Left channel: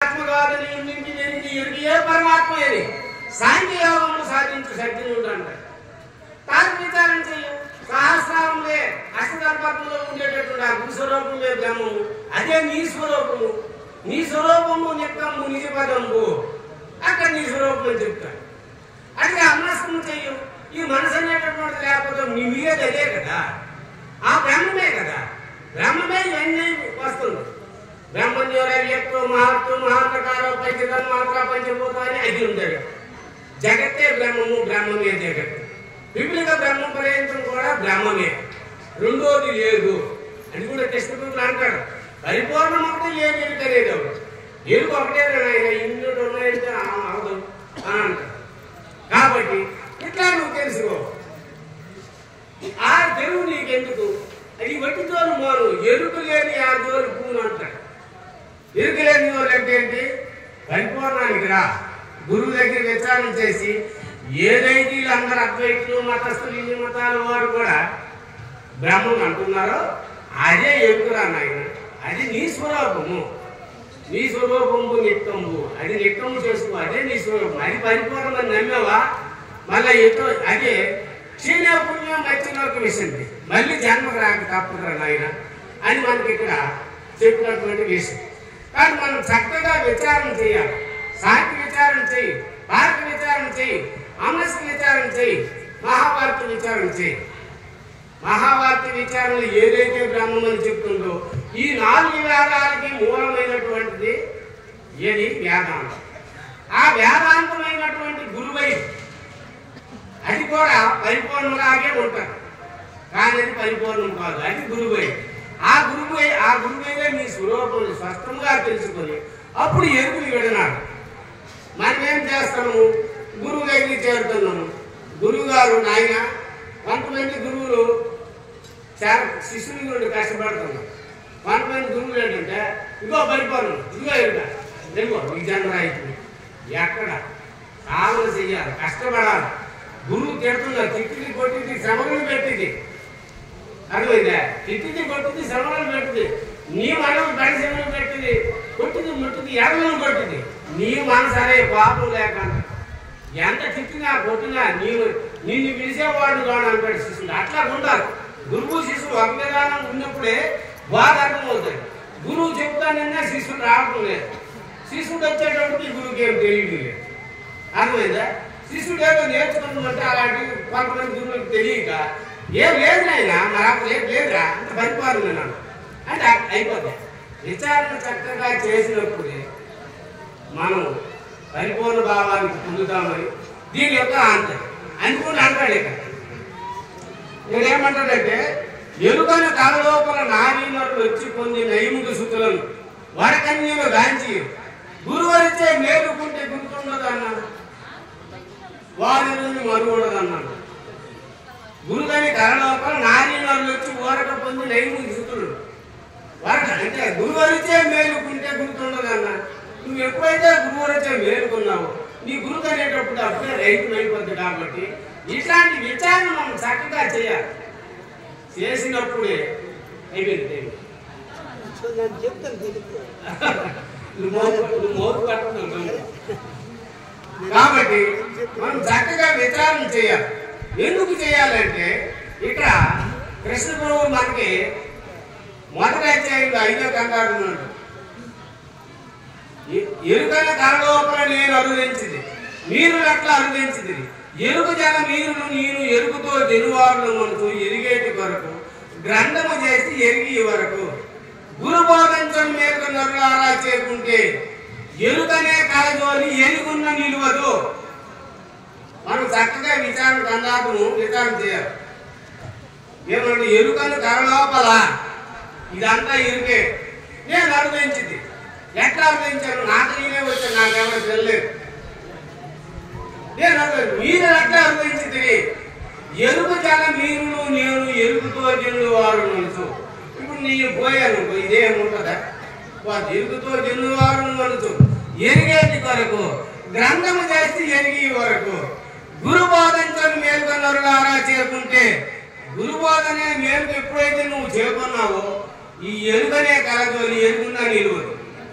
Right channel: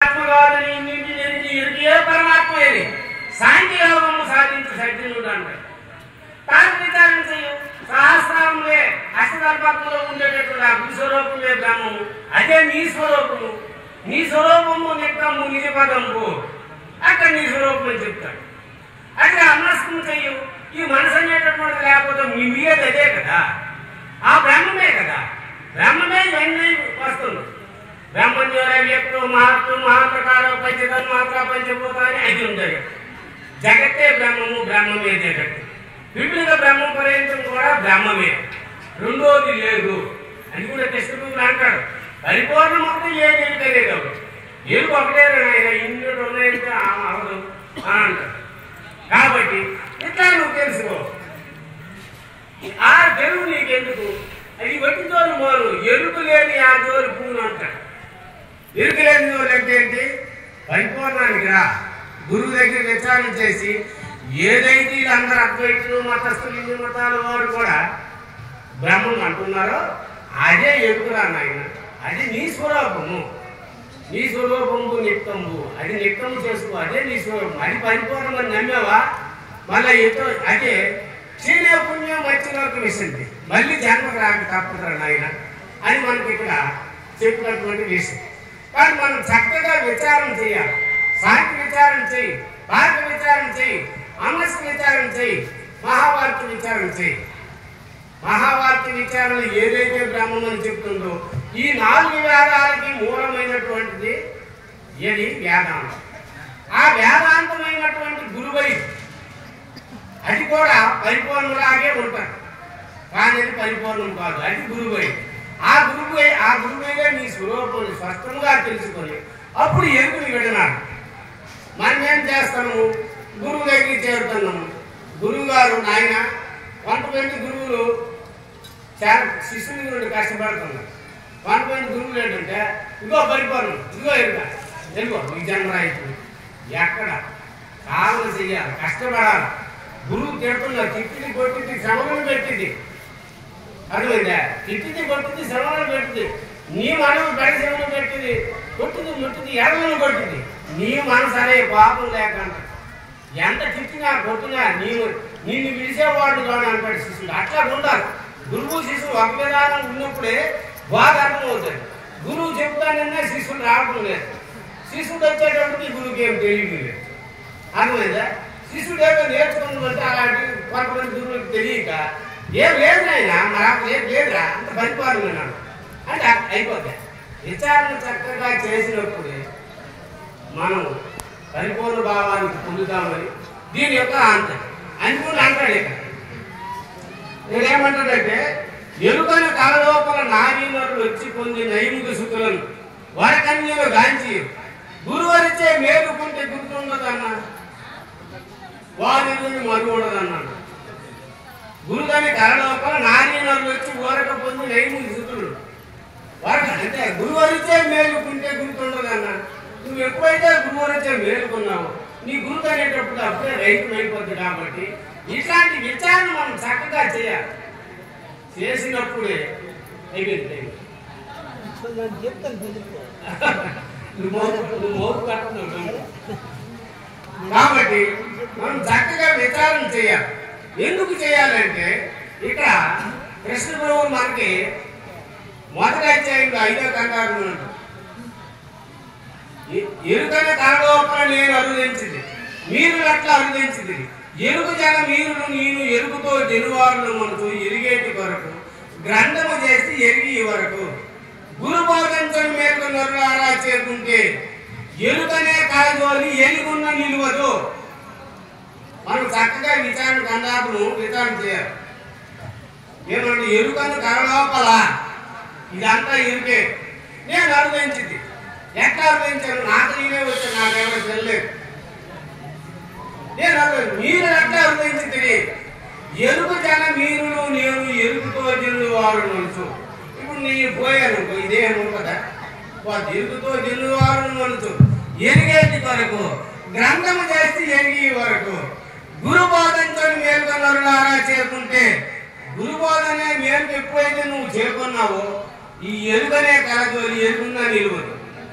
ఆత్మగాదని ఇన్నింటి ఎరిగి ఏ పరమాత్మ ఏది సాంఖ్యయోగము సాధించు సజ్జనుడు అంటారు. తాను విచారణ చేయు సహస్రాలే అష్టకల్పత్మలో ఉండేటటువంటి ఆ గురుస్వరూపమే బ్రహ్మము, అదే నీ స్వరూపము. నీ స్వరూపము నిత్యము నిజపదము, అక్కడ నీ స్వరూపం అని చెప్తాడు. అదే అమనస్కం చెయ్యు. ఈ మనసు అనేటటువంటి లేకపోతే మీరేది అదే కదా, ఆ బ్రహ్మమే కదా. బ్రహ్మమే ఇవన్నీ వస్తుంది. బ్రహ్మణ్యోరవ్యక్తో మహత్తు మహాప్రకార పంచతన్మాత్ర పంచభూతాన్ని ఐదు ఉంటాయి. జగత్తే బ్రహ్మము, బ్రహ్మమే జగత్తు. విపులిక బ్రహ్మం పర్యంతం కూడా బ్రహ్మమే, రెండోది లేదు అని కూడా టెక్స్ట్ అంటాడు. పరిపూర్ణం ఒకటి లేదు ఎరుకలేదు, ఎరుకు ఒకటే ఆయన ఇన్ని ఉన్నాయంటే అవదు అని అంటాడు. కాబట్టి ఇట్లా నువ్వు తెలుసుకో. ఆ తెలుగు నీకెందుకు? అది వట్టి జోలు మోరు, ఎరుకు లేని ఆ జోలు పూను అంటాడు. ఎరుకు లేని జోలు అంటే ఏంటి? పరిపూర్ణానికి రా, గురువు దగ్గర విచారణ చేసి ఏదైతే వీళ్ళందరూ అద్వైతులు మతస్థులు ఇన్ని మతాల వారు కూడా బ్రహ్మం అంటున్నారో అదే ఎరుకురా నాయన. అది నీ స్వరూపము, నీ స్వరూపము నిత్యము. అది నిత్యము చేసుకో, అదే నీ స్వరూపం. అది పరిపూర్ణమని నమ్మేవా? మళ్ళీ ఎటో అదే క్షీణ పుణ్యం మధ్యలోకి విషయంది, మళ్ళీ జన్మకు రాక తప్పదురా నాయన అని మనకి ఇక్కడ చెప్పినటువంటి విషయం. కానీ మనం చక్కగా విచారణ చేయాలి. సాంఖ్య విచారణ చేయి, భారత విచారణ చేయి, అమస్క విచారణ చేయి, మహాభారత విచారణ చేయి. మహాభారత విచారణలు ఏదైతే బ్రహ్మమని చెప్తుందో ఈ 4 వేదాలకి మూలమైనటువంటిది ఏది? వేదాంతం. ఆ వేదాంతమైనటువంటి గురువై అది కూడా పరిపూర్ణలాగే ఉంటారు, కానీ అది పరిపూర్ణం కాదు. అది గురువై. ఆ గురువైగా నీ స్వరూపం స్పష్టంగా తెలుసుకొని అప్పుడు ఎరుకుని విడనాడు. మనం ఏం చేస్తాము? గురువు దగ్గరికి చేరుతున్నాము. గురువు గారు నాయన, కొంతమంది గురువులు చాలా శిష్యుల గురించి కష్టపడుతున్నారు. కొంతమంది గురువులు ఏంటంటే ఇదిగో పరిపూర్ణం, ఇదిగో ఎరుక, తెలుగో ఈ జన్మరాయితుంది. ఎక్కడ కావల చెయ్యాలి, కష్టపడాలి. గురువు తిడుతుందా? తిట్టిది కొట్టింది శ్రమలను పెట్టింది, అర్థమైందా? తిట్టిది కొట్టింది శ్రమలను పెట్టింది. నీ మనసు బడి శ్రమను పెట్టింది, కొట్టింది ముట్టింది ఎడలను కొట్టింది. నీ మనసు అనే పాపం లేకుండా ఎంత తిట్టినా కొట్టినా నిన్ను పిలిచేవాడు రాను అంటాడు శిష్యుడు. అట్లా ఉండాలి. గురువు శిష్యుడు ఒక విధానం ఉన్నప్పుడే బాగా అర్థమవుతుంది. గురువు చెప్తానన్నా శిష్యుడు రావడం లేదు. శిష్యుడు వచ్చేటప్పటికి గురువుకి ఏం తెలియదు లేదు, అర్థమైందా? శిష్యుడు ఏదో నేర్చుకుందామంటే అలాంటి కొంతమంది గురువులకు తెలియక ఏం లేదైనా మరి లేదురా అంత పరిపాలన అంటే అయిపోతాయి. విచారణ చక్కగా చేసినప్పుడే మనం పరిపూర్ణ భావానికి పొందుతామని దీని యొక్క అంతం అనుకుంటే అంటాడు. ఇక్కడ నేనేమంటాడంటే ఎరుకని కలలోపల నారీనరులు వచ్చి పొంది నైముఖ శుద్ధులను వరకన్యలు గాంచి గురువరిచే మేలుకుంటే గుర్తుండదన్నాడు, వారి మరుగు ఉండదన్నాడు. గురుదని కలలోపల నారీనరులు వచ్చి ఊరక పొంది నైముఖ శుద్ధులు వరక అంటే గురువరిచే మేలుకుంటే గుర్తుండదన్నా. నువ్వు ఎప్పుడైతే గురువులతో మేలుకున్నావు నీ గురువు అనేటప్పుడు అప్పుడే రైతు అయిపోద్ది. కాబట్టి ఇట్లాంటి విచారణ మనం చక్కగా చేయాలి. చేసినప్పుడే అయిపోయింది. కాబట్టి మనం చక్కగా విచారణ చేయాలి. ఎందుకు చేయాలంటే ఇక్కడ కృష్ణ ప్రభువు మనకి మొదటి అధ్యాయంలో 5వ కండాలు ఎరుకన కలలోపల నేను అరుదించింది, మీరు అట్లా అరుదించింది. ఎరుకు జన మీరు నేను ఎరుకుతో జనువారులు మనతో ఎరిగేటి కొరకు గ్రంథము చేసి ఎరిగి వరకు గురు బోధించని మేరకు నరులారా చేరుకుంటే ఎరుకనే కలజోలి ఎరుగున్న నిలువదు. మనం చక్కగా విచారణ కందాపును విచారణ చేయాలి. ఏమంటే ఎరుకను కలలోపల ఇదంతా ఎరుకే నేను అరుదించింది. ఎట్లా అర్థించారు? నాకు నేనే వచ్చాను, నాకెవరు తెలియలేదు. నేను మీరు ఎట్లా అర్థించింది? ఎరుకు జన మీరు నేను ఎరుకుతో జనులు వారు మనసు. ఇప్పుడు నేను పోయాను ఇదే ఉంటుందా? ఎరుకుతో జనులు వారు మనసు ఎరిగేటి కొరకు గ్రంథము చేసి ఎరిగి వరకు గురు బోధించని మేలుకొన్నరులారా చేరుకుంటే గురు బోధనే మేలుకు ఎప్పుడైతే నువ్వు చేరుకున్నావో ఈ ఎరుకనే కలజోలి ఎరుగున్నా నిలువదు.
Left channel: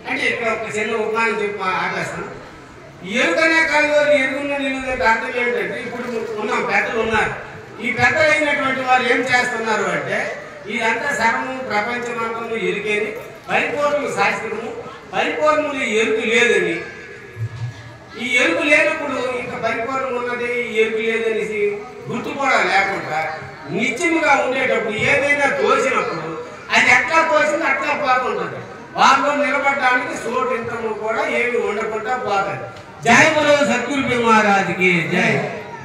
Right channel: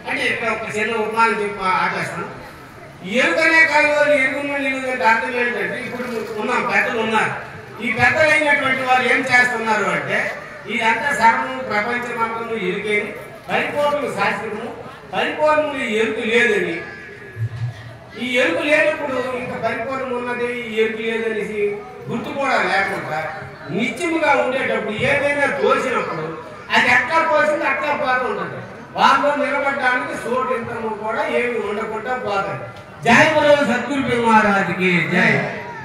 అంటే ఇక్కడ ఒక చిన్న ఉపమానం చెప్పి ఆపేస్తాను. ఎరుకనే కాదు ఎరుగున్న నీళ్ళు అర్థం ఏంటంటే ఇప్పుడు ఉన్నాం, పెద్దలు ఉన్నారు. ఈ పెద్దలు అయినటువంటి వారు ఏం చేస్తున్నారు అంటే ఇదంతా సర్వము ప్రపంచమంతా ఎరుకేని పరిపూర్ణము శాస్త్రము, పరిపూర్ణములు ఎరుకు లేదని, ఈ ఎరుకు లేనప్పుడు ఇంకా పరిపూర్ణం ఉన్నది ఈ ఎరుకు లేదనేసి గుర్తు కూడా లేకుండా నిత్యముగా ఉండేటప్పుడు ఏదైనా తోసినప్పుడు అది ఎట్లా తోసింది అట్లా పోతుంటుంది. వాళ్ళు నిలబడడానికి చోటు ఇంతము కూడా ఏమి ఉండకుండా పోతుంది. జై బలో సద్గురు మహారాజుకి జై.